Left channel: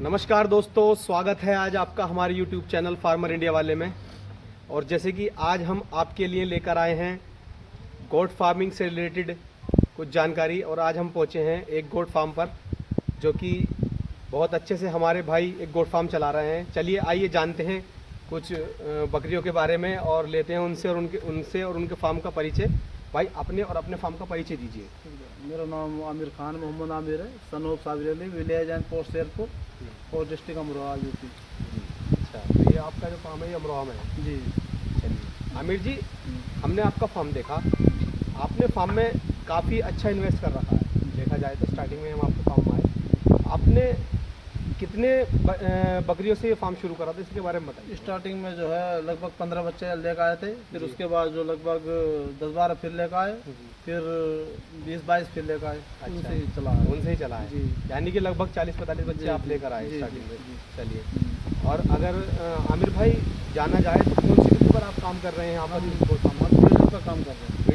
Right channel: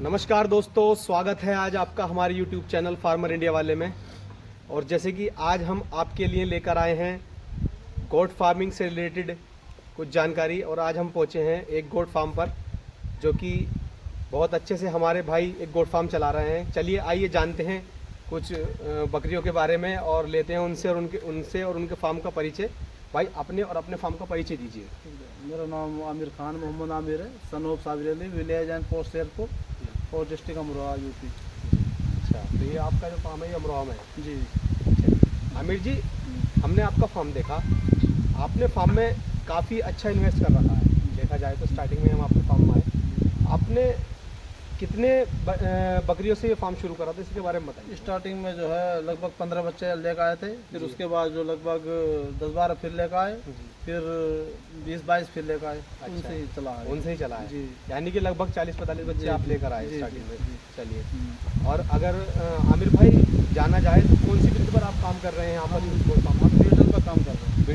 नमस्कार दोस्तों, स्वागत है आज आपका हमारे YouTube चैनल फार्मर इंडिया वाले में। और जैसे कि आज हम आपके लिए लेकर आए हैं गोट फार्मिंग से रिलेटेड कुछ जानकारी। और आज हम पहुंचे हैं एक गोट फार्म पर, जो कि बहुत अच्छे से हमारे भाई एक गोट फार्म चला रहे हैं। चलिए आइए जानते हैं कुछ बकरियों के बारे में और लेते हैं उनसे और उनके फार्म का परिचय। भाई अपने और अपने फार्म का परिचय दीजिए। मेरा नाम आमिर खान मोहम्मद आमिर है, son of Sabir Ali, village and post airport और डिस्ट्रिक्ट अमरोहा यूपी। अच्छा, तो ये आपका जो फार्म है ये अमरोहा में है जी। चलिए आमिर जी, हमने आपका फार्म देखा। आपने फार्म में काफ़ी अच्छा इन्वेस्ट कर रखा है। देखा जाए तो स्टार्टिंग में हम आपके फार्म में आए, आपने कितने बकरियों से ये फार्म शुरू करा था, इसके बारे में बताइए। स्टार्टिंग में जो है लगभग 15 बच्चे लेकर आए थे, फिर उसके बाद जो लगभग 10-12 फिर लेकर आए, फिर 20-22 फिर लेकर आए। अच्छा, उनसे ही चला है। उनसे ही चला है जी। यानी कि लगभग 40-45 बच्चे जी, आप लेकर आए जी, स्टार्टिंग जी, में। जी। चलिए, और अगर आमिर भाई जाना जाए तो कौन सी बिल्कुल पर आप काम कर रहे हैं यहाँ पर? बीटल पर काम कर रहे हैं।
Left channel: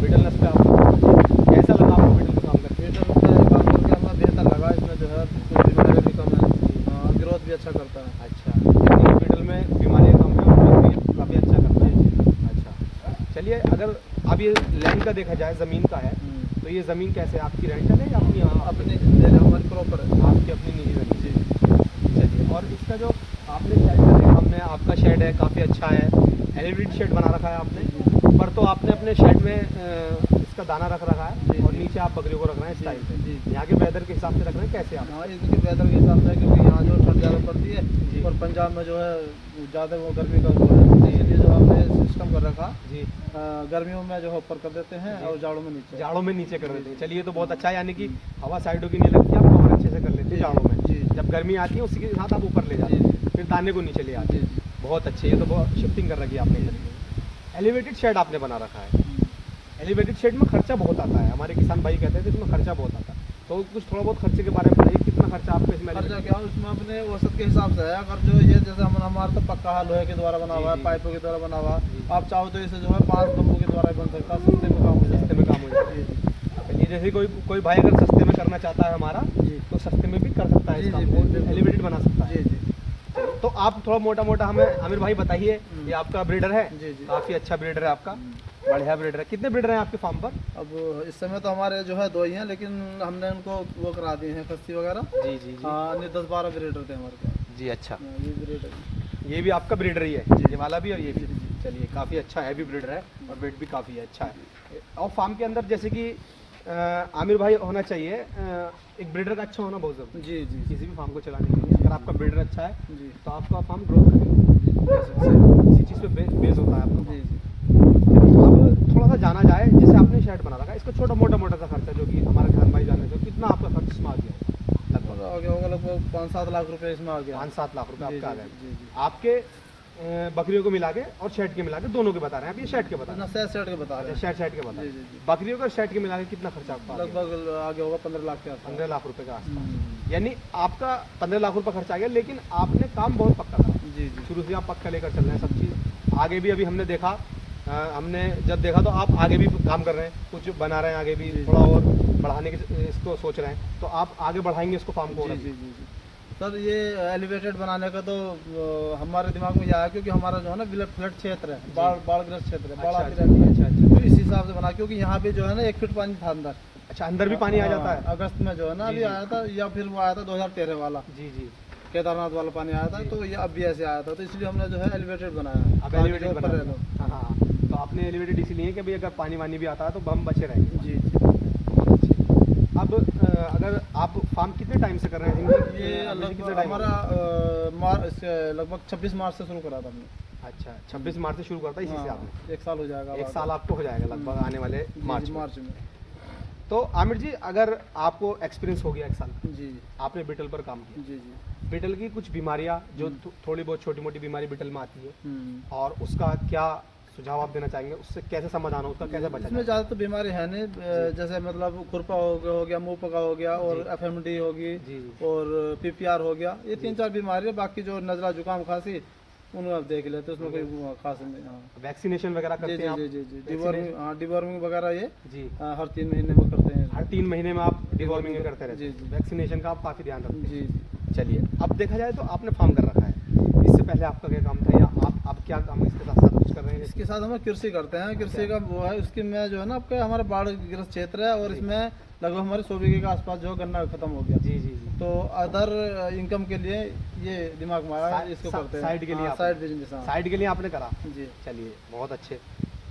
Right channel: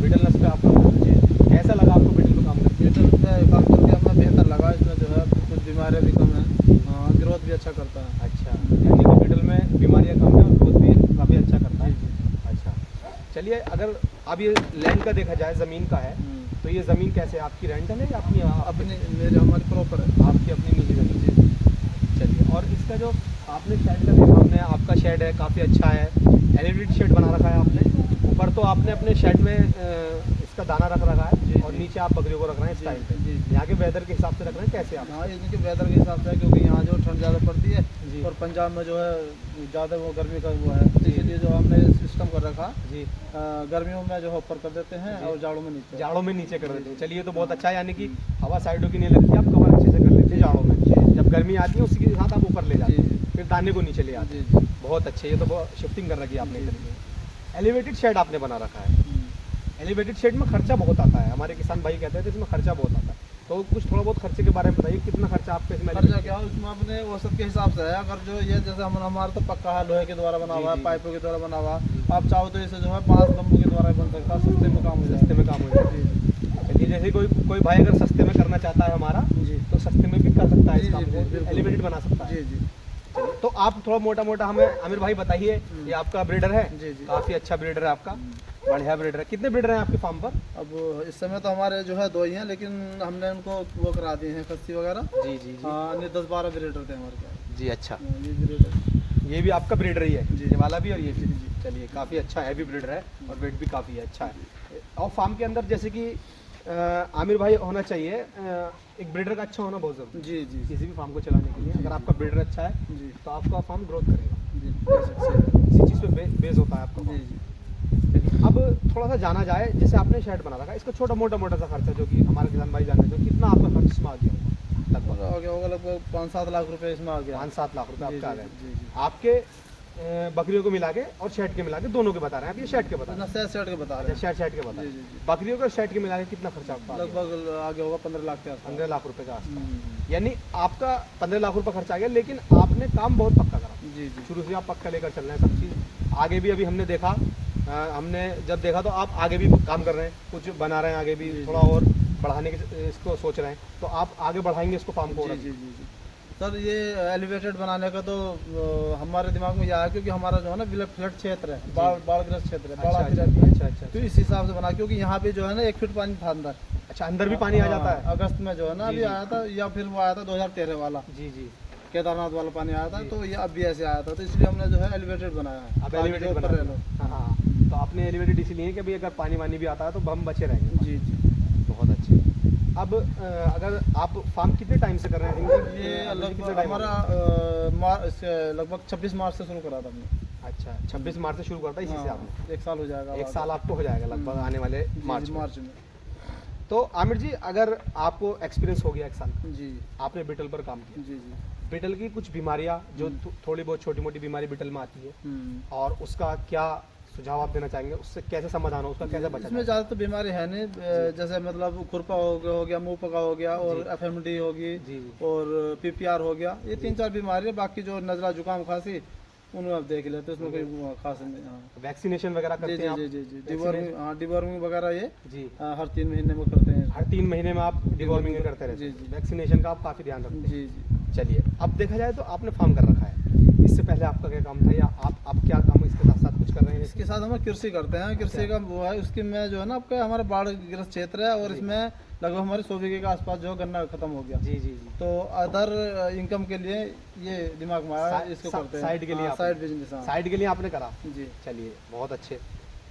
बीटल नस्ल पे आप काम कर रहे हैं। कैसा लगा आपको बीटल पर काम करके? बीटल पे काम करके हमें बेहतर लगा। इसमें जो है कुछ बीमारियाँ भी कम है, ग्रोथ भी अच्छा करता है। अच्छा, यानी कि बीटल में बीमारियाँ कम है और ग्रोथ भी काफ़ी अच्छा करता है। अच्छा, चलिए अगर अब ये लैंड का देखा जाए, ज़मीन का है, तो ये ज़मीन कैसे है? आपकी रेंटल है या अपनी? अपनी मेरे हमारी प्रॉपर है। आपकी अपनी निजी ज़मीन है। चलिए, और इसका जो आपने शेड का देखा, हमने आपका शेड है काफ़ी अच्छा है, एलिवेटेड शेड बना रखा है आपने। पर तो आपने अपने शेड में इसका दाना रख रखा है और नीचे आप बकरियों को रख रहे हैं इस टाइम पे। यहाँ के वेदर के हिसाब से रख रहे हैं कैसे आप? हाँ, इनके वेदर के हिसाब से, क्योंकि यहाँ जो ठंड ज़्यादा पड़ती है और पंजाब में जो है ज़्यादा वो गर्मी का वो है, इसलिए जो हमने सिस्टम कर रखा जी, गर्मियों में जो है ऊपर कर देते हैं और जाड़ों में नीचे कर देते हैं। चलिए, ये तो बहुत अच्छा है, यानी कि हवा साइडों की नहीं लगती, आप कवर अच्छे से कर लेते हैं जाड़ों में। जब गर्मी आती है उसी के साथ आप ऊपर ले जाते हैं, फिर दाने को नीचे ले आते हैं। बहुत अच्छे, ये तो बहुत शिफ्टिंग कर रखी है आपने। एलिवेटेड शेड आपने बना रखा है। एलिवेटेड शेड में खर्चा बहुत आता है, हमारे किसान भाई कहते थे इसमें खर्चा बहुत आता है। तो कुछ थोड़ा बहुत खर्चे के बारे में बताइए, कितना खर्चा आपको इसमें? खर्चा क्या है उसमें अपने औसत के हिसाब से है। अगर जो ये जैसे हमारा तो पक्का है, लोहे के द्वारा बना हुआ है, पाइपों के द्वारा बना हुआ है। आप चाहो तो इसे जो है 5 बम्बू के द्वारा बन सकता है, सस्ते में काम हो जाए। सस्ते में काम हो जाए। चलिए, जैसे कोई भाई अगर सस्ते में करना चाहता है हमारा, तो सस्ते में भी कर सकता है इस काम को, एलिवेटेड बना सकता है। तो आप थोड़ा मोटा मोटा हमें आमिर भाई बताइए, ये आपका ब्रीडर है? काफ़ी अच्छा ब्रीडर है आपका, बढ़िया ब्रीडर है। कितने ब्रीडर हैं आपके फार्म पर? अब इस समय तो हमारे जो है 2 ही हैं, लेकिन हमने उनको वो करा दिए हैं खस्सी वगैरह। जी। हाँ, नहीं 10-12 ब्रीडर थे हमारे पास। जी, अच्छा। ये ब्रीडर, ये भी आपका ब्रीडर ही है? ये वाला भी और ये भी? चलिए, काफ़ी अच्छा हैवी ब्रीडर है और वेट भी काफ़ी अच्छा है। और फार्म के अंदर जैसे कि आमिर भाई होना चाहिए, एक ब्रीडर का अच्छा होना बहुत जरूरी है। जी। किसी भी फार्म को चलाने के लिए अगर आपका ब्रीडर अच्छा है जी। तो आपका फार्म ग्रोथ करेगा। इसी चीज़ पे बेस होता है आपका फार्म। अब थोड़ा सा जाना जाए, जैसे आपने शेड बना रखा है, इसका छोटा मोटा सा खर्चा जो कि हमारे किसान भाई जाने थे, कितना आपका खर्च इसमें आ गया लगभग? आ गया होगा लगभग 5-7 लाख रुपए इसमें आ गया। 5-7 लाख रुपए आपका आ गए। जी। आपके बकरियों को मिला के और शेड के मिला के, दोनों के बता रहे हैं आप? ये शेड के बता रहे हैं? सेट के बता रहे हैं। शेड के बता रहे हैं। बकरियों का शेड के मिला के कितना खर्चा आपका? लगभग आ गया होगा 15 लाख के आसपास। 15 लाख रुपए का आसपास। यानी आपका 15 लाख रुपए खर्चा आ गया, लेकिन आपने काम बहुत पक्का करा। जी। शुरू से आप पक्का लेकर चल रहे हैं सब चीज़। आगे भी अभी हमने देखा, हमने जब देखा तो आप आगे भी काम कर रहे हैं, कुछ बना रहे हैं, आगे भी थोड़ा और बढ़ाने के इसको सोच रहे हैं, तो आप आगे बढ़ाएंगे इसको फार्म को? जी। सर, ये एलिवेटेड बनाने का तो हमारे दिमाग में यह आया, क्योंकि हमारा जो है ना फ्लड क्षेत्र है, बाढ़ग्रस्त क्षेत्र है, बाढ़ आती रहती है। अच्छा। तो इस हिसाब से बना, क्योंकि यहाँ पे जो है ना 1 फीट पानी था अंदर। अच्छा, अंदर भी पानी आ जाता है? अगस्त में जो है ना अभी आया था, या फिर वो आया था 2013 वाला। जी। केदारनाथ वाला पानी आया था, तो ये अब भी ऐसे आया था, तो इसलिए हमने जो है एलिवेटेड बनाया है। अब एलिवेटेड बना रहे हो? हाँ। तो आपने एलिवेटेड इसलिए कि भाई अगर पानी वानी भी आता है तो हम बचे रहेंगे। जी। बहुत अच्छे। अब अगर आप फार्म कितने टाइम से कर रहे हैं? ये हमारा लगभग 26 मार्च से शुरू करा था हमने। अच्छा, 26 मार्च से शुरू करता है, इसी से आपने? 1 साल हो जाएगा। 1 साल आपको हो जाएगा लगभग आने वाले मार्च में। तो आमिर जी, अगर आपको एक्सपीरियंस हो गया 1 साल का, जी, आपने बीटल पर काम किया, जी। बीटल की कुछ बीमारियां जो थोड़ी बहुत छोटी मोटी बीमारी बीटल में आती है, और उसका क्या सुझाव आप देना चाहेंगे? उससे कैसे समाधान हो, उसका कैसे बचा? इसमें ज़्यादा तो बीमारी है नहीं, जैसे मतलब खुरपा हो गया, मुंह पका हो गया, और FMD होगी, और PPR हो गया। ये 3-4 बीमारी है। बाकी जो नज़ला, जुकाम, खांसी उनको आप देख लेते, उसमें कोई खास नहीं। हाँ वैक्सीनेशन वगैरह जी करते जी हैं आप? जी जी जी डिवॉर्मिंग, हाँ डिवॉर्मिंग वगैरह ये जी हर 3 महीने में करते हैं। हर 3 महीने में आप डिवॉर्मिंग करते रहते जी हैं? जी वैक्सीनेशन का आप काफ़ी ध्यान रखते हैं? जी जी। चलिए, अब देखा जाए तो आपने फार्म कर रखा है, इससे पहले आपका क्या काम था, या आप क्या काम इसके साथ साथ कुछ कर रहे हैं? इसके साथ हम कृषि करते हैं, कृषि का वो है, उसकी में जो है ना आपका हमारा बाढ़ ग्रस्त क्षेत्र है, और जी। इसमें लगभग हमारे 100 बीघे के आसपास जो गन्ना खत्म हो गया। जी जी जी। तो अदर इनकम के लिए ये दिमाग में आया, इसको करते हैं साइड के लिए साइड बिजनेस। हाँ साइड के लिए आपने करा? जी। चलिए बहुत अच्छे।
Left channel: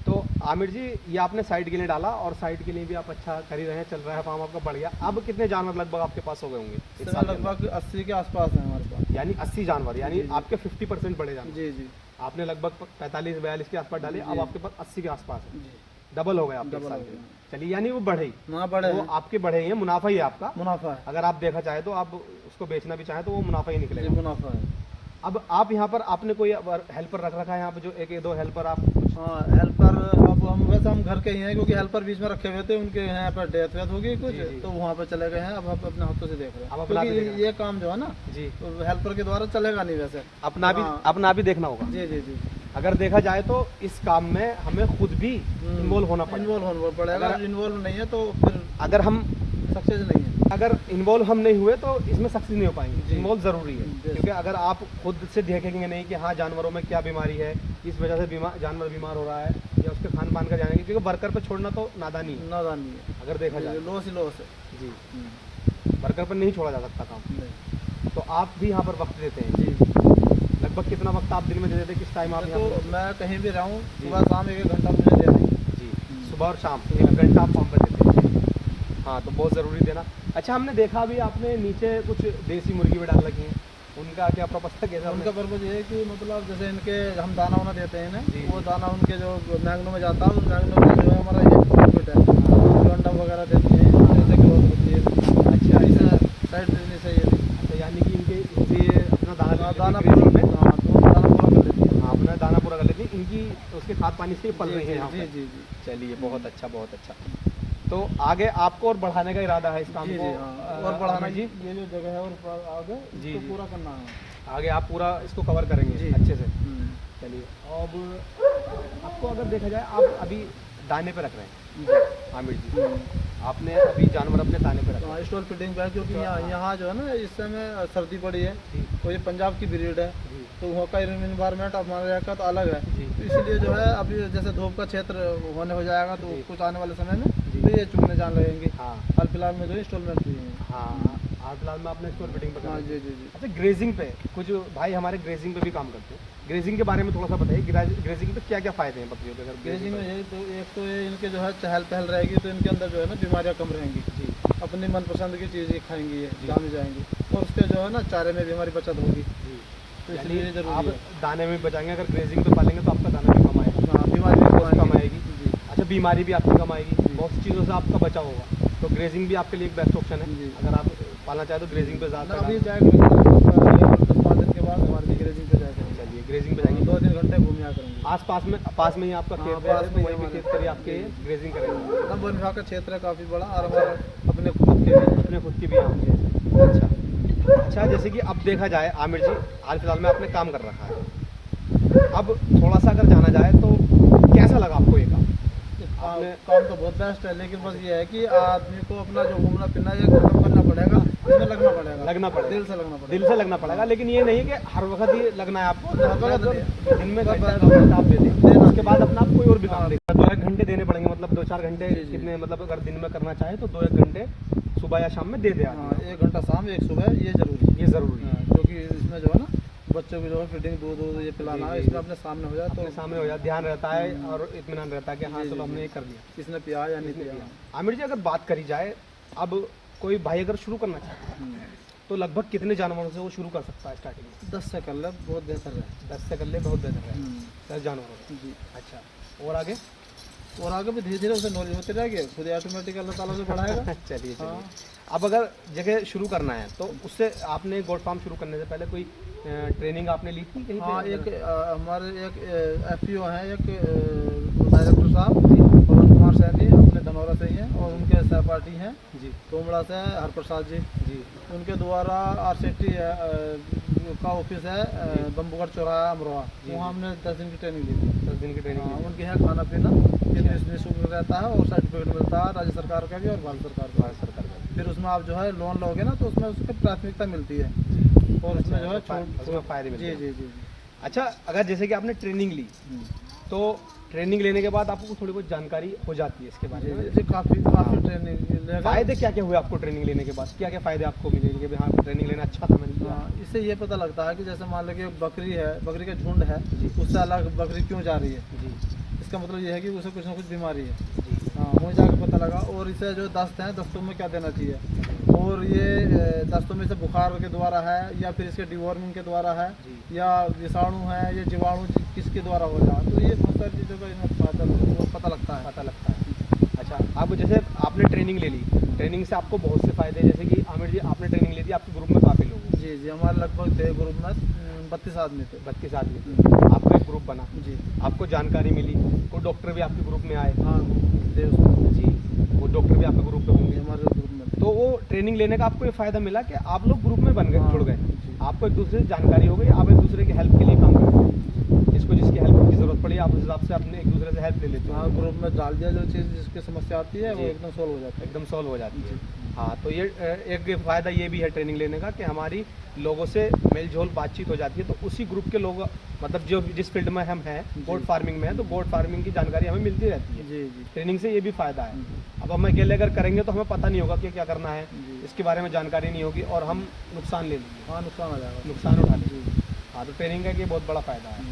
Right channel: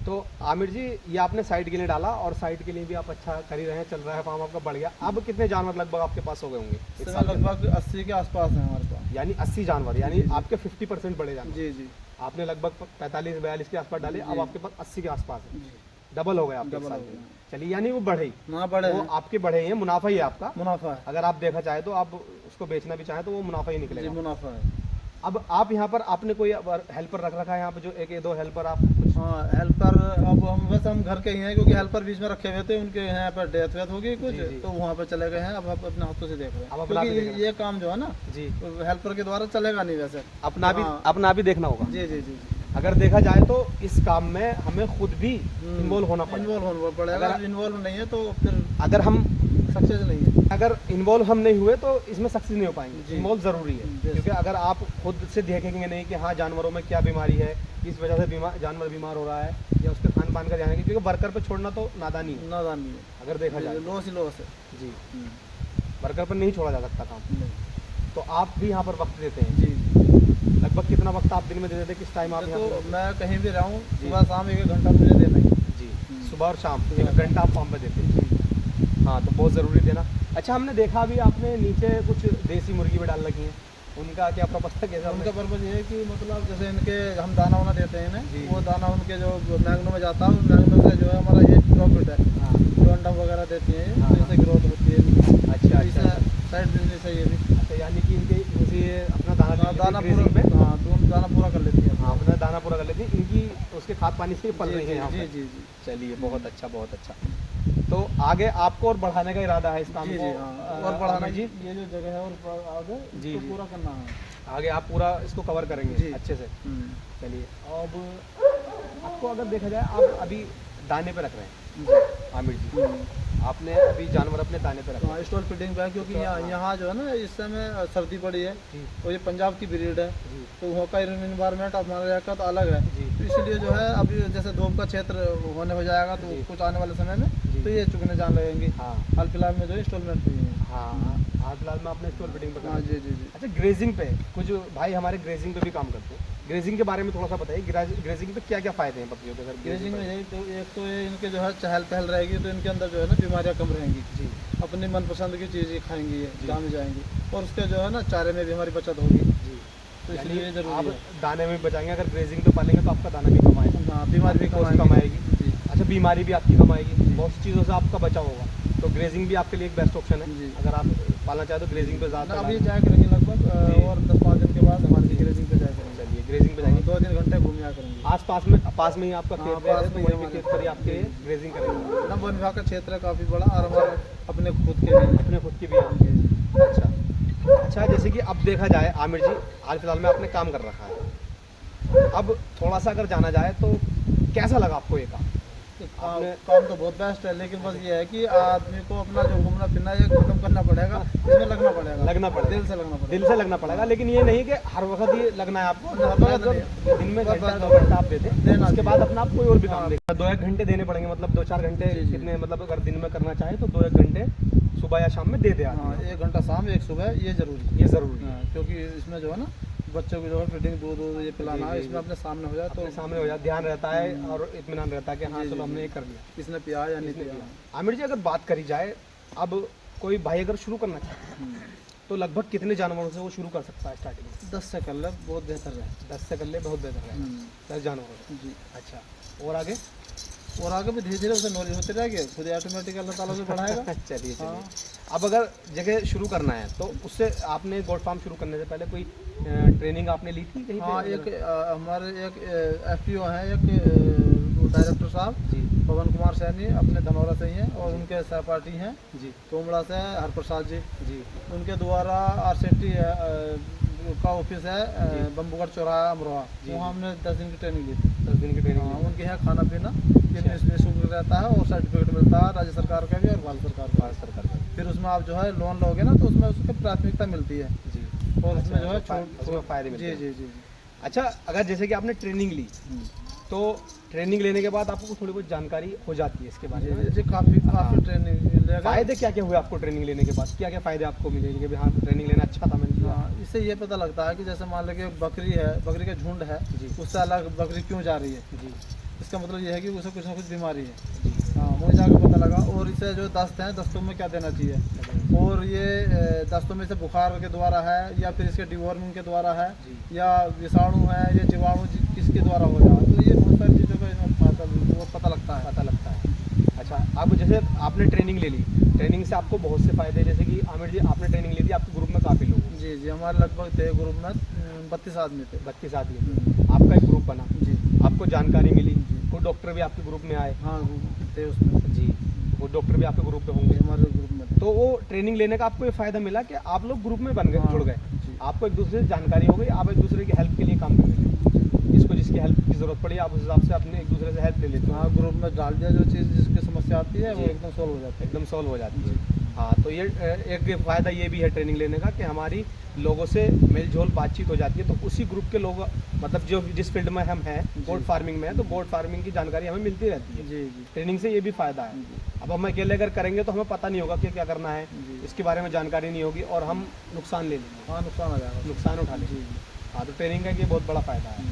तो आमिर जी, ये आपने साइड के लिए डाला और साइड के लिए भी आप अच्छा कर ही रहे हैं, चल रहा है फार्म आपका बढ़िया। अब कितने जानवर लगभग आपके पास हो गए होंगे इस इसमें साल के अंदर? लगभग 80 के आसपास है हमारे पास। यानी 80 जानवर, यानी जी, जी। आपके 50% बड़े जानवर। जी जी आपने लगभग 45-42 के आसपास डाले, अब जी। आपके पास 80 के आसपास है, जी डबल हो गए आपके डबल साल हो के। गया। चलिए, यानी वो बढ़े ही, ना बड़े वो हैं, आपके बढ़े ही हैं, मुनाफा ही है आपका। मुनाफा है अगर आप देखा चाहे तो, आप उसको बेचना भी चाहें तो वो मुनाफा ही जी, निकलेगा। मुनाफा है। अब आप यहाँ पर आपने कोई हेल्पर रख रखा है यहाँ पे, जो एक दो हेल्पर आप कुछ? हाँ हेल्पर, अब हम वैसे हम घर के ही हैं, क्योंकि हेल्पर बीच में रखे हुए थे, उनके यहाँ पर डेथ वेथ हो गई कुछ, जी, जी। तो वहाँ पर चले गए हैं। अब हम अपने हाथों से देख रहे अब हैं, अपना भी देख क्योंकि रहे ये काम जो है ना जी, हेल्पर के द्वारा चलेगा नहीं वैसे। अपना भी हाँ। अपना भी देखना होगा। जी जी जी अगर देखा जाए तो इस काम में हमें खुद भी इन्वॉल्व होना पड़ेगा। इन्वॉल्व होना पड़ेगा, अगर- अगर इन्वॉल्व नहीं है तो फिर अगर हम सक्सेस नहीं है। अगर इन्वॉल्व हम नहीं हुए तो इसमें सक्सेस नहीं हो पाएंगे। जी। इन्वॉल्व जरूरी है, जी। क्योंकि अगर आप खुद से देखेंगे नहीं कि हाँ जानवरों में क्या बीमारी है, किस वजह से जानवर बीमार हो रहा है, या उसके खान पान का जानेंगे, क्योंकि वर्कर पे छोड़ना तो नादानी है नादानी है, अगर देखा जाए। लॉस ही लॉस है। जी, वर्कर पर नहीं छोड़ा जा सकता काम। नहीं तो आप भी यहाँ पर वक्त देते हैं? जी। लगभग कितना वक्त आप दिन में दे देते हैं, किस टाइम आप यहाँ तो पर? मैं कहीं भी रहूँ, जी। सुबह शाम 1 घंटा मुझे देना ही। जी, सुबह और शाम 1 घंटा आप फार्म पर देते हैं? हाँ, तो बहुत ज़रूरी देना। अच्छा, हमने देखा भी आपने नीचे कुछ देसी मुर्गी भी डाल रखी हैं, उनका क्या पर्पस था, कैसे? उनका पर्पज ये है कि मतलब जैसे इनके हम दाना वाना देते हैं जी। इन्हें, वो दाना उनके जो मैगनों में जाता है, उस मैगनों से जो है हमारा ये प्रॉफिट है, जो अंडा वगैरह देती है, इनसे ग्रोथ होती है। अच्छा, ऐसा साइड बिजनेस है ये भी। अच्छा, यानी कि इनसे अपना दाना ले लेती है दाना grazing पूरा, में? हाँ दाना पूरा कर लेती है। हाँ, अपना दाना पूरा कर लेती है, इनकी उसके खाद पानी से ही पल रही है यहाँ जी पर। जी जी चलिए, बहुत अच्छा, बहुत अच्छा। तो आगे आपको और बढ़ाने का इरादा है इस काम जी को? जी हाँ, और बढ़ाना जी, ये जो जगह है और आगे जी, इसको जी। पूरा करना है। आगे आप पूरा इसको कवर करेंगे जी। अच्छे से? चलिए, अब आपको अगर देखा जाए, आप अभी दाने पे रख रहे हैं आमिर जी, आपने अभी जानवर अपने दाने पे रखा है? हाँ स्टॉल फिटिंग पे है, क्योंकि हाँ। यहाँ जो है ना इस समय सर्दी पड़ी है, जी तो ये पंजाब की ब्रीड है, जी तो वहाँ का इन्वायरमेंट हमारे यहाँ का तो अलग है, जी तो इसलिए जो है अभी जैसे धूप का क्षेत्र होने हो जाएगा, तो जी। कुछ आने वाले समय में जी। तो ये चुगने जान लगेंगे। हाँ हाल फिलहाल में जो इंस्टॉलमेंट हुई है। हाँ, हाल फिलहाल में आपने स्टोर फिटिंग पे करा हाँ है। जी जी जी। अच्छा, ग्रेजिंग पे कुछ भाई हमारे ग्रेजिंग पे भी काम करते हैं, ग्रेजिंग के बारे में थोड़ा सा बताइए। ग्रेजिंग पे क्या क्या फायदे हैं बकरियों के? अगर ग्रेजिंग में पे? यही तो एक तो ये इनके जो है चहल पहल रहेगी, तो इनके अंदर जो है ना बीमारियाँ कम रहेंगी, जी अपनी मनपसंद की चीज़ें खाएंगी, ये जी। जान जाएंगी, और उसके जो है ना चारे में भी हमारी बचत होगी, जी, तो यानी इसलिए ये जरूरी आप है। दाने में बचाएंगे, अगर ग्रेजिंग पे पालेंगे तो आपका दाना भी कम आएगा, हाँ बीमारी भी कॉस्ट कम आएगी। जी अच्छा, बीमारी भी आपकी कम आएगी, बहुत सी चीज़ों से आपका बचाव होगा, तो ग्रेजिंग भी आपके लिए एक बेस्ट ऑप्शन है। जी। अगर आप पालना चाहें तो ग्रेजिंग पे ना ज़्यादा अभी जाया करेंगे, और 10-5 दिन के बाद हमारी ग्रेजिंग पे जाया करेंगे। चलिए, ग्रेजिंग पे जाएंगे। 2-3 घंटे घूम आया करेंगे। पास में ही आपका हाँ, खेत है, पास तो में ही वहीं पे हमारे। खेत पर ही आपके ग्रेजिंग करेंगे। ना वन विभाग का क्षेत्र है काफ़ी बड़ा, और हमारा अपने खुद के भी। अपने खुद की भी यहाँ पे। अच्छा, जैसे कि अब देखा जाए आमिर जी, हाल फिलहाल में आपने काम कर रखा है, अब थोड़ा सा अगर जाना जाए तो कैसा लगा आपको ये काम? काम तो बहुत बेस्ट है, लेकिन बस ये है कि आदमी को अपना जो घूमना फिरना ये खत्म करना पड़ेगा, इसमें लगना पड़ेगा, लगना पड़ेगा, दिल से लगना पड़ेगा। दिल से लगना पड़ेगा, लेकिन ये नहीं कि हर वक्त ही लगना है आपको। हर वक्त मतलब दिन में बस- घंटा बस- 2 घंटा आप दे दें, देना उसके बाद अपना आप कोई और भी काम हाँ। दें। 2-1 घंटे देने पड़ेंगे, मतलब 2-4 घंटे जी, जी। कितने, मतलब अगर दिन में करना चाहे तो 2-1 घंटे सुबह या शाम में दे दे हाँ आदमी। 1 घंटा शाम 1 सुबह ये जरूरी है। ये ज़रूरी है। हाँ, क्योंकि इसमें जो है ना बच्चों की जो है फीडिंग दूध ये पिलाना है, जी, जी, इसमें जी। अपने सामने हो जाए तो अपने सामने हो जाए, ध्यान रहता है और इत्मीनान रहता है कि हाँ जी, जी, चलो जी। हमने ये कर लिया। किसने पिया या नहीं इसने पिया। किया। आमिर जी, अगर बात करी जाए, अब कोई भाई अगर शुरू करना चाहे तो लगभग कितने जानवरों से वो शुरू कर सकता है स्टार्टिंग में? 10 से कर ले बहुत बेहतर है। 10 से कर ले, बहुत बेहतर रहेगा। 10 जानवरों से। जी। अच्छा, और आगे? और आगे भी धीरे धीरे उसे नॉलेज होती रहेगी, खुद ऑटोमेटिक अल्लाह ताला से बढ़ाएगा। चलिए हाँ। अब अगर जगह शुरू करना है तो उससे आपने गोट फार्म शुरू करने से पहले कोई ट्रेनिंग आपने ली थी कहीं हाँ पे? एक हमारे एक FPO हैं, एक डायरेक्टर साहब पवन कुमार कुमार सैनी अपने धनौरा से ही हैं और उनके सहपाठी हैं जी तोमड़ा से हरप्रसाद जी, जी उनके द्वारा RCT का ऑफिस है बम्बूगढ़ चौराहा अमरोहा, जी, वहाँ हमने 10 दिन की ट्रेनिंग ली थी। 10 दिन की ट्रेनिंग हाँ, ली। उनकी है खाना पीना निःशुल्क रहता है और सर्टिफिकेट मिलता है राज्य सरकार का भी और भारत सरकार का। भारत सरकार का। फिर उसमें आप जो है लोन लोगे ना तो उसमें उसकी प्राथमिकता मिलती है जी और उसमें जो है उसमें फायदे मिलते जी हैं। जी जी जी। अच्छा, अगर जैसे कि आपने ट्रेनिंग ली तो ट्रेनिंग लेने के बाद आपको थोड़ी बहुत जानकारी हो जाती है इसके बारे में। जी काफ़ी ट्रेनिंग लेगा। फायदे क्या क्या हुए आपको ट्रेनिंग लेने के बाद? क्या क्या फायदे आपको मिले कि भाई हाँ ट्रेनिंग लेना अच्छा था, मैंने लिया? हाँ, इससे ये पता लगता है कि जैसे मान लो कि बकरी है, बकरी का झुंड है, जी। उससे अलग बकरी क्यों जा रही है, जी इसका मतलब ये है कि उसे कुछ ना कुछ बीमारी है। जी हाँ, वहीं जाकर पता लगा। और इसे जो दस्त हैं, दस्तों में क्या देना चाहिए, और ये दस्तों में से बुखार के द्वारा है या फिर इसके डिवॉर्मिंग के द्वारा है जी या विषाणु है या जीवाणु किसके द्वारा हो रहा है, तो ये बहुत सारी चीज़ों का वो पता लगता है। पता लगता है। अच्छा, अब जैसे आपने ट्रेनिंग ले ली, ट्रेनिंग से आपको बहुत से फायदे, जैसे कि आमिर जी आपने ट्रेनिंग ली थी, आपके ग्रुप में काफ़ी लोग हैं। जी जी, हमारे लगभग थे ग्रुप में 32 आदमी थे। 32 आदमी थे, आपका एक ग्रुप बना, जी आपको जानकारी मिली, कोई डॉक्टर भी आपके ग्रुप में आए। हाँ, थे उसमें जी, वो डॉक्टर भी आपके ग्रुप में होंगे। हमारे ग्रुप में थे। तो वो ट्रेनिंग लेने का आपको ये फ़ायदा मिला कि आप लोग ग्रुप में बन गए, हाँ, जुड़ गए, जी। आपको एक दूसरे से जानकारी हो गई, आप एक दूसरे की हेल्प के लिए काम करते हैं, जिसको जिसकी हेल्प की ज़रूरत पड़ी आप उस हिसाब से अपने एक दूसरे से हेल्प ले लेते हो। हाँ, ग्रुप में डाल दिया, जो चीज़ जिसकी समस्या आती है वो जी। एकदम सॉल्व हो जाती है। एकदम सॉल्व हो जाती है। हाँ, तो ये एक फ़ायदा ये भी है ट्रेनिंग लेने का कि हमारी लोगों से मेलजोल बातचीत हो जाती है, तो उसी ग्रुप के लोग, मतलब जो जिस फील्ड में हम हैं, गोट फार्मिंग में है, तो गोट फार्मिंग की जानकारी हमें मिलती रहती है। जी जी ट्रेनिंग से ये भी फ़ायदा है। अब हम अकेले अगर करेंगे तो हमें पता नहीं होगा कि क्या करना है, जी। इसके बारे में जानकारी नहीं होगी और हम नुकसान ले लेंगे, हाँ, नुकसान आ जाएगा। नुकसान उठा लेंगे। जी। हाँ, तो ट्रेनिंग का ये बहुत बड़ा फ़ायदा है।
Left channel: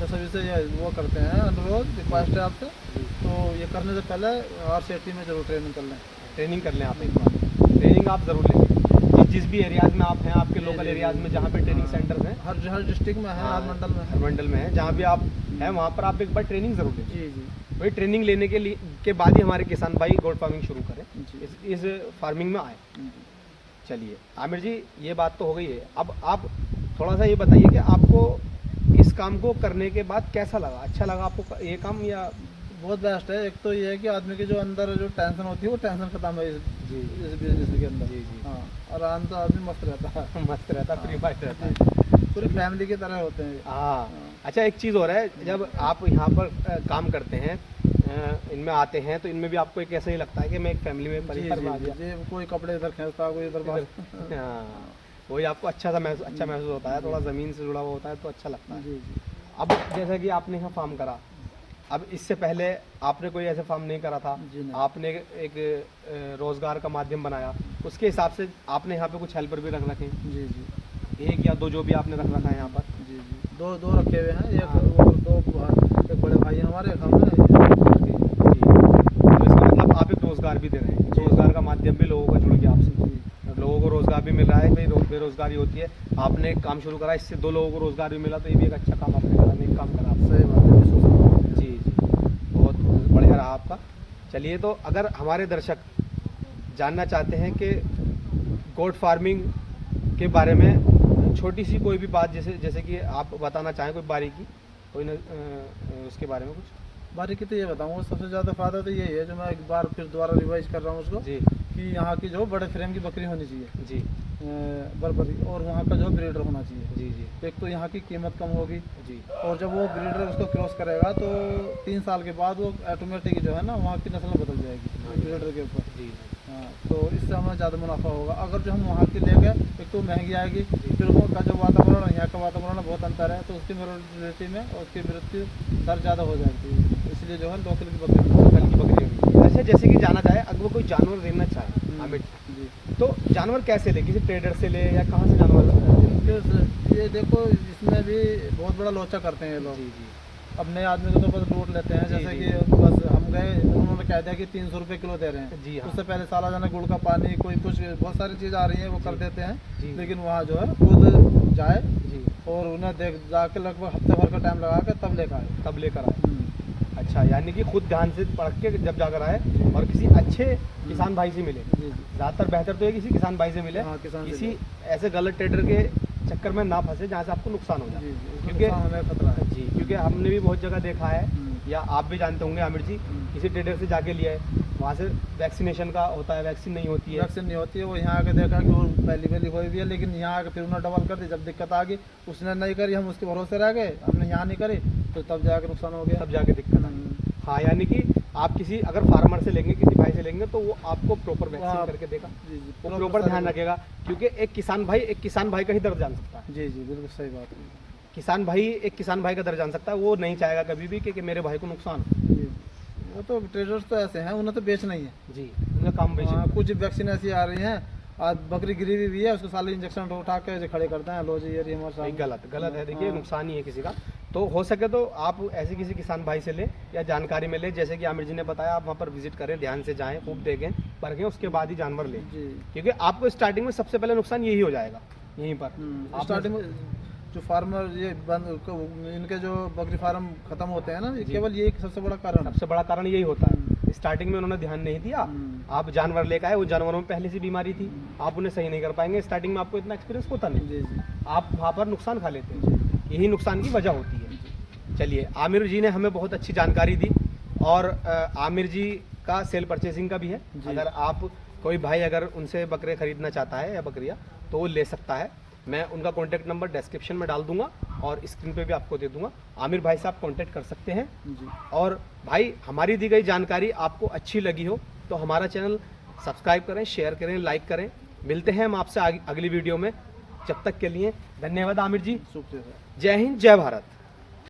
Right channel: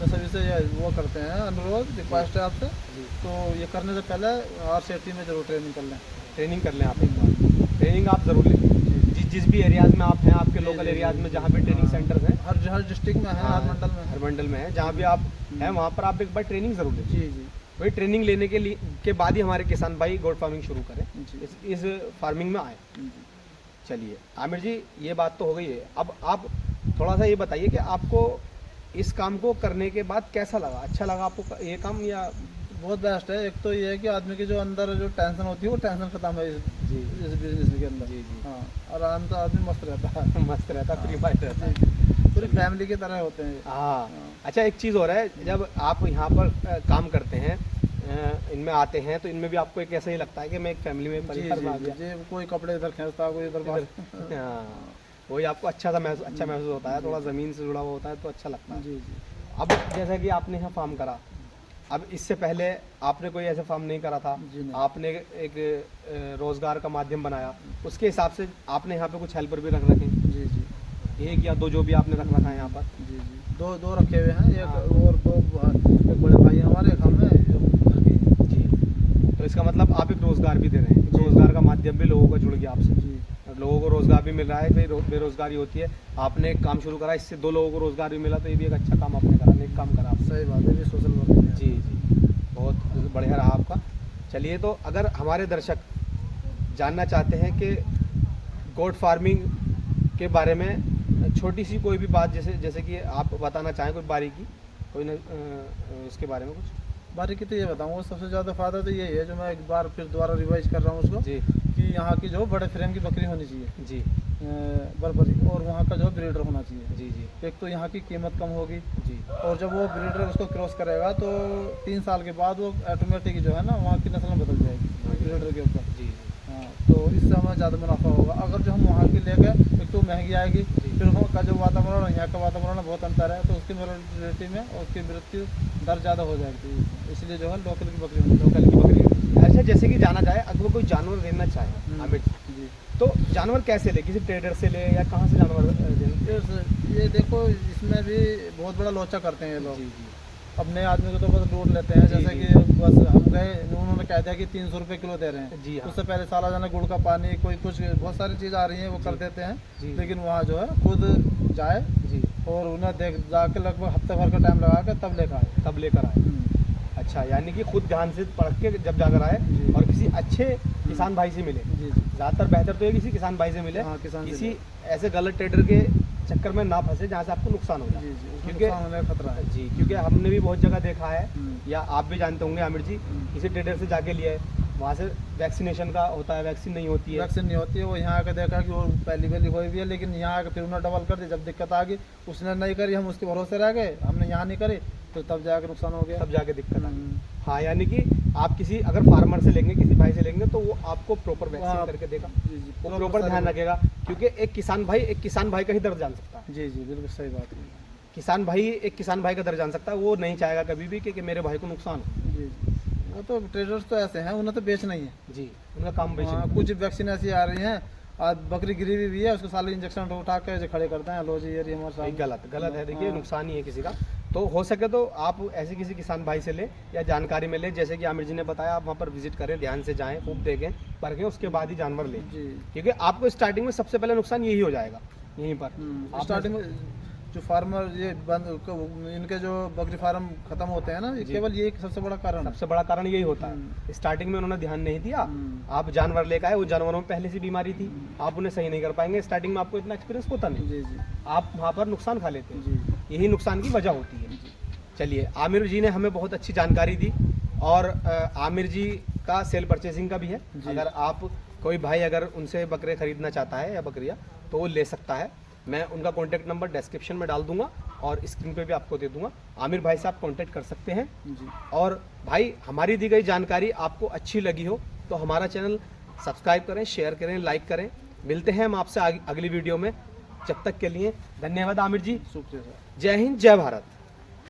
मैं सभी से ये वो करते हैं अनुरोध, रिक्वेस्ट है आपसे, जी, तो ये करने से पहले RCT में जरूर ट्रेनिंग कर लें। ट्रेनिंग कर लें आप एक बार, ट्रेनिंग आप ज़रूर लें। जिस भी एरियाज़ में आप हैं, आपके लोकल एरियाज़ में जहाँ पे ट्रेनिंग सेंटर्स हैं, हर डिस्ट्रिक्ट में है, हर मंडल में हर है। मंडल में है, जहाँ भी आप हैं वहाँ पर आप एक बार ट्रेनिंग ज़रूर लें। जी जी वही ट्रेनिंग लेने के लिए के बाद ही हमारे किसान भाई गोट फार्मिंग शुरू करें, जी। इस फार्मिंग में आए। जी। चलिए आमिर जी, ये बात तो हो गई है, अब आप थोड़ा सा ये बताइए कि आपको इस काम को करने के बाद कैसा लगा? अच्छा लगा आपको ये काम या? बहुत बेस्ट है। एक तो ये है कि आदमी के जो अंदर जो टेंशन होती है वो टेंशन खत्म है जी इस बिजनेस के अंदर। जी जी हाँ, आराम से आदमी मस्त रहता है। मस्त रहता, फ्री माइंड रहता है। जी, पूरी फैमिली की तरह होते हैं ये। हाँ। हाँ। अच्छा, एक चीज़ हो रहा है, जब आप यहाँ पर काम करते हैं, इनमें आते हैं, तो इनमें भी आपको एक ऐसा ही लगता है कि मैं एक फैमिली में, जी परिवार में आ गया। जी, कोई कपड़े इधर खींचता, कोई इधर बाहर। हाँ, वही आपको अच्छा महसूस होता है, थोड़ा ज़मीन से जुड़ा हुआ होता है तो अच्छा लगता है। जी जी। अब जैसा कि आपने यहाँ फार्म करा, अब इससे पहले आपने कोई ऐसा फार्म नहीं करा था, जी नहीं। आपने एक रोज़गार का माध्यम बनाया, उसके हिसाब से आपने यहाँ पे कुछ हेल्पर भी रख रखे हैं, जी जी एक या दो जो भी आपने रख रखा है यहाँ पर? जी जी, दो रखे हुए हैं, एक हाँ। और एक बड़े भाई हैं हमारे, एक हम हैं। जी, तो इसका मतलब आप एक रोज़गार भी दे रहे हैं, एक रोज़गार का माध्यम भी लोगों का जुड़ गया आपसे, जी लोगों को रोज़गार भी मिल रहा है, भाई बेरोज़गारी होती है, आपने एक काम शुरू करा, इससे 2 लोगों को रोज़गार भी मिला, तो ये भी एक अच्छा काम आपने करा, नेक काम करा आपने। सही बात है, सोशल वर्क में। जी जी, बहुत बढ़िया रहा आपका। चलिए, तो अगर हमारे दर्शक जानना चाहते हैं कि गोट फार्मिंग के बारे में छोटी सी कोई भी बात, जैसे कि आप बताना चाहें कोई बारीकी, कोई न उसके बारे में कुछ? बारीकी तो ये बताऊँगा, सबसे ज़्यादा फायदा तो यही है, जो मैं एक बार फिर दोबारा रिवाइज कर रहा हूँ उसको, जी कि यहाँ की जो बड़े फ्रेम की बकरी होनी चाहिए, जी बर्बरी, और वहाँ का जो ब्रीडर होना चाहिए। जी जी एक तो यहाँ की कीमत कम होगी, जी और जब वो ब्रीडर उसको क्रॉस करेगा तो 3 साल के बाद वो ऑटोमेटिक जो है ना वहाँ की नस्ल बदल जाएगी ब्रीडर के ऊपर। जी हाँ, तो इससे हमें ज़्यादा मुनाफा होगा। अगर जो हम वहाँ की ले गए, एक तो महंगी आएगी, फिर वहाँ का जो वातावरण और यहाँ का वातावरण बहुत अंतर है, तो उसकी मोर्टेलिटी में और उसकी मृत्यु दर ज़्यादा हो जाएगी, इसलिए जो है लोकल की बकरी लोकल की बकरी होगी। अच्छा, जैसे कि जाना चाहे, अगर वो कोई जानवर लेना चाहे आमिर, जी। तो जानवर कैसे ले? किसी ट्रेडर से ले या कहाँ से जानवर ये देखो, इसमें भी बहुत बड़ा लोचा करते हैं ये लोग। जी जी अब नए आदमी को तो बस लूट लेते हैं, जी, जैसे जी। कि बस हम गए, उन्होंने कह दिया कि 300 रुपये किलो दे रहे हैं। जी हाँ। उससे पहले साला जाना गुड़ का पानी, कोई कुछ बहुत सारी चीज़ आ रही है वो कर जी। देते हैं। जी। लेकिन वहाँ जो है खुद जाए जी, और उन्हें देख जाके लगभग हफ्ते भर का टाइम लगा के तब लेकर आए। तब लेकर आए। अच्छा, यानी कि खुद ध्यान से पढ़ के जब जाकर आए जी। और किसी अच्छे किसान भाई से मिले। जी जी। ज़्यादातर बेहतर तो ये किसी किसान भाई से मिले, हाँ, किसान से किसी ऐसे गलत ट्रेडर के चक्कर में ना फंसे जहाँ से आपको नुकसान हो जाए। जी जी, उसमें क्योंकि नुकसान होने का खतरा है। जी, क्योंकि हमने भी बहुत जगह देखा है, या आप भी जानते होंगे आमिर जी, किसी ट्रेडर से जाके लिया है, वहाँ से वैक्सीनेशन का होता है, वैक्सीन नहीं होती है। वैक्सीन नहीं होती है, वो यहाँ आके देखा कि वो पहली हुई भी है, लेकिन यहाँ आके फिर उन्होंने डबल कर दी। जब दिक्कत आ गई, उसने नहीं करी, हम उसके भरोसे रह गए, हमने यहाँ नहीं करी, तो तब जाके नुकसान हो गया। तब जाके दिक्कत आई। हाँ, यानी कि आप किसी अगर फार्मर से लेंगे, किसी भाई से लेंगे, तो वो आपको प्रॉपर वैक्सीन करके देगा, जी जी, वो प्रॉपर ध्यान रखेगा। क्योंकि एक किसान भाई का ही दर्द जान सकता है। जी जी, बिल्कुल सही बात है। एक किसान भाई का दर्द जान सकता है, वो नहीं चाहेगा कभी भी कि मेरे भाई को नुकसान हो। जी जी, वो तो ट्रेडर्स तो ऐसे हैं, उन्हें तो बेचना ही है। जी, उनका काम बेचना है। कुछ वैक्सीन ऐसी आ रही हैं, आज बकरी गिरी हुई भी है, उसको साले इंजेक्शन उठा के ऐसे खड़े करते हैं, लो जी ये हमारे भाई साथ। गलत है। देखिए, हाँ। नुकसान ही है किसी का। तो हो सके तो आप ऐसे किसी किसान भाई से लें या जानकारी में लें, जैसे कि आमिर जी ने बताया, आप वहाँ पर विजिट करें, ध्यान से जाएं, खूब देखें, परखें, उसके बाद ही जानवर लें। जी, क्योंकि आपको स्टार्टिंग में सबसे पहले नुकसान यही हो जाएगा, यहीं पर आपने- स्टार्टिंग में जो फार्मर ये इनके जो बकरी फार्म खत्म होते हैं ना, ये जी। केवल ये एक सबसे बड़ा कारण है। सबसे बड़ा कारण यही होता है। स्टार्टिंग में उन्होंने ध्यान नहीं दिया, आप जानवर लेकर आए, वो जानवरों में पहले से बीमारी थी, आप उन्हें सही नहीं कर पाएंगे। स्टार्टिंग में आपको इतना एक्सपीरियंस होता नहीं, जी जी आप वहाँ पर नुकसान खा लेते हैं, जी यही नुकसान की वजह होती है। चलिए, आमिर जी ने हमें बहुत अच्छी जानकारी दी, और आमिर जी का सेल परचेसिंग का भी है। जी। अगर आप कोई भाई अगर उनसे बकरे खरीदना चाहता है या बकरियाँ, तो वो ले सकता है। मैं उनका कॉन्टैक्ट नंबर डिस्क्रिप्शन में डाल दूंगा और स्क्रीन पे भी आपको दे दूंगा। आमिर भाई से आप कॉन्टैक्ट कर सकते हैं। जी। और भाई, हमारी दी गई जानकारी आपको अच्छी लगी हो तो हमारा चैनल सब्सक्राइब करें, शेयर करें, लाइक करें। मिलते हैं हम आपसे अगली वीडियो में। जब तक के लिए धन्यवाद आमिर जी। शुक्रिया सर। जय हिंद, जय भारत।